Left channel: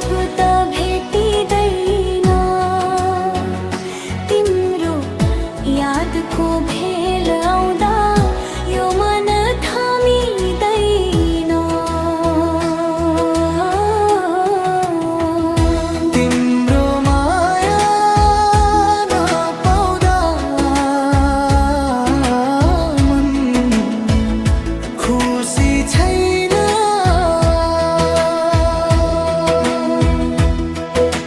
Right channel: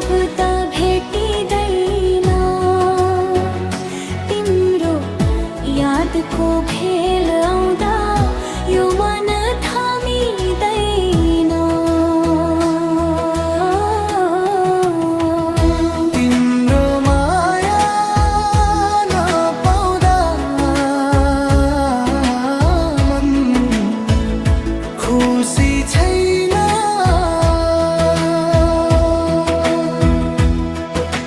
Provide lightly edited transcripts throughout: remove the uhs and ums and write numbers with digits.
अब त भेटिँदैन तिम्रो यादको भेल आउँदा यो मन थामिँदैन। तिम्रो माया नपाउँदा मन खुसी छैन।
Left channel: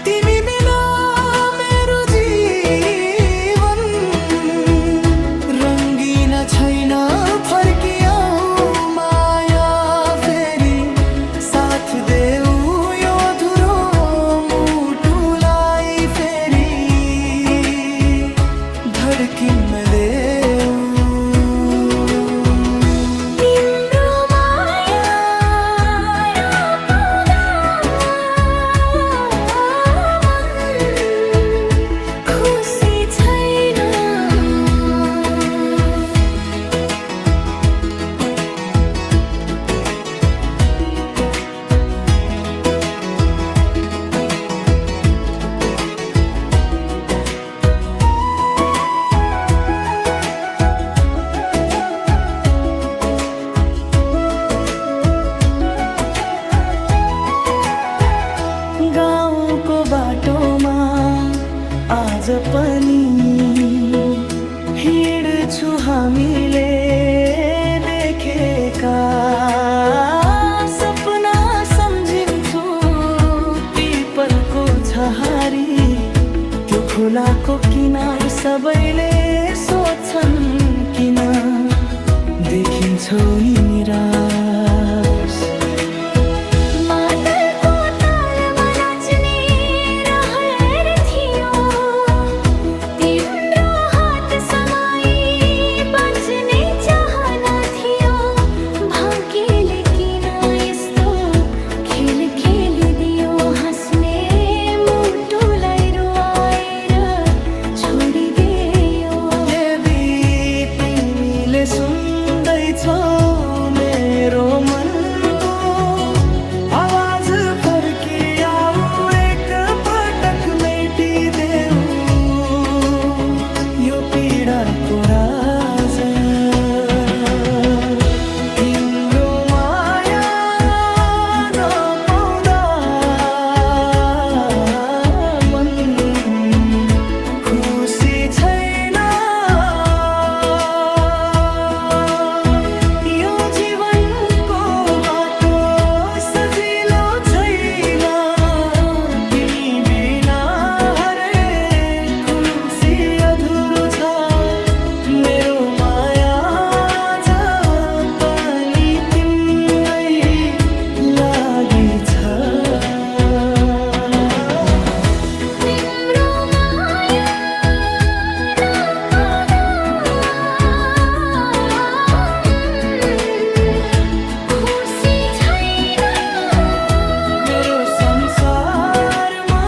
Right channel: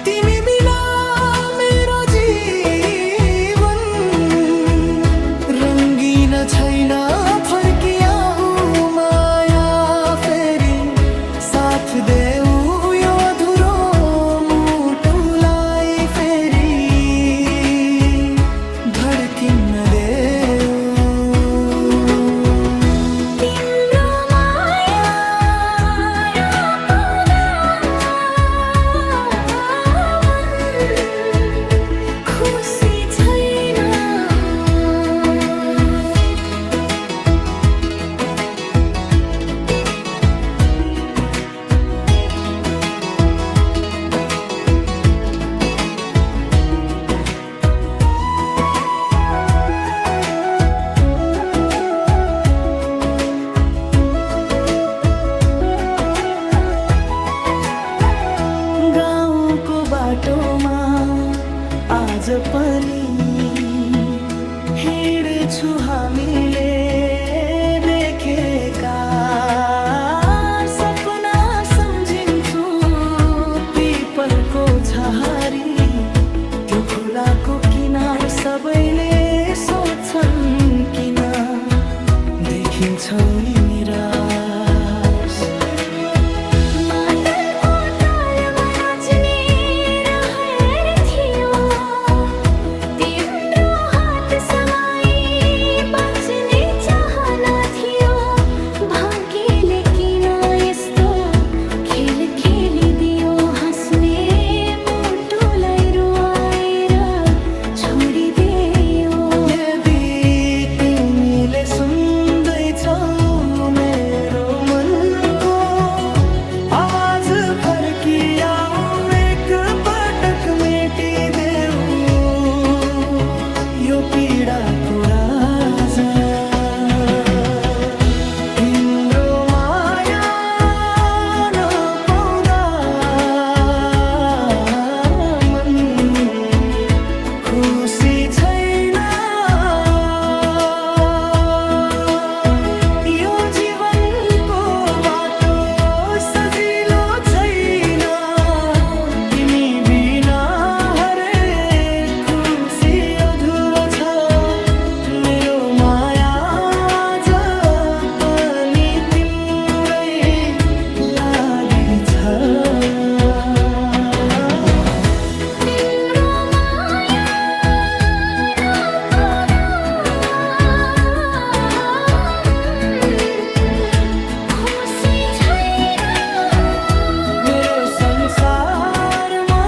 तिमी बिना मेरो जीवन रङ्गिन छैन। फर्किआऊ माया फेरि साथ देऊ यो अधुरो मुटुलाई फेरि धड्किन देऊ। तिम्रो माया नपाउँदा मन खुसी छैन। गाउँको बाटोमा आज पनि हिँड्छु हामीले देखेका सपना सम्झिन्छु। पिपलको छहारी त्यो खोलाको किनार सबैले सोध्छन् किन देखिन्छौ नि निराश। मादलको तालमा नाच्ने रहर थियो तिम्रो हात समाई बाँच्ने चाहना थियो। भाग्यले किन यस्तो खेल खेलिदियो हाँस्ने मुटुलाई रुवाएर छोडिदियो। यदि तिमीले सुन्दैछौ मेरो मनको आवाज फर्किआऊ एक पटक मेटिदेऊ यो पीडाको राज। तिम्रो माया नपाउँदा मन खुसी छैन। यो जीवनको बाटो सजिलो छैन। तिमी बिना हरेक खुसी अधुरो छ। मेरो माया आज पनि तिम्रै लागि छ। तिम्रो माया नपाउँदा खुसी छैन। मेरो संसारमा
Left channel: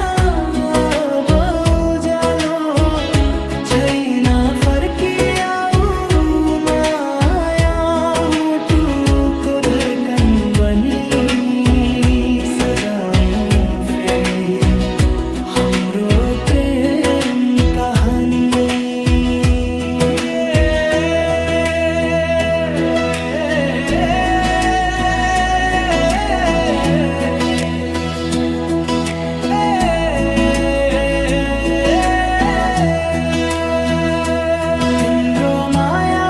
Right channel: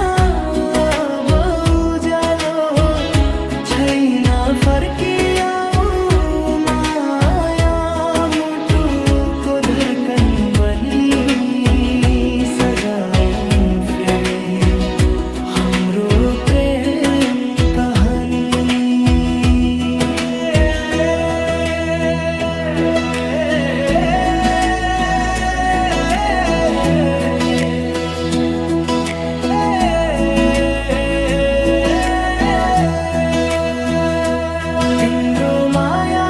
अब उज्यालो छैन। फर्किआऊ माया मुटुको धड्कन बनी सजाऊ फेरि हाम्रो प्रेम कहानी। तिम्रो माया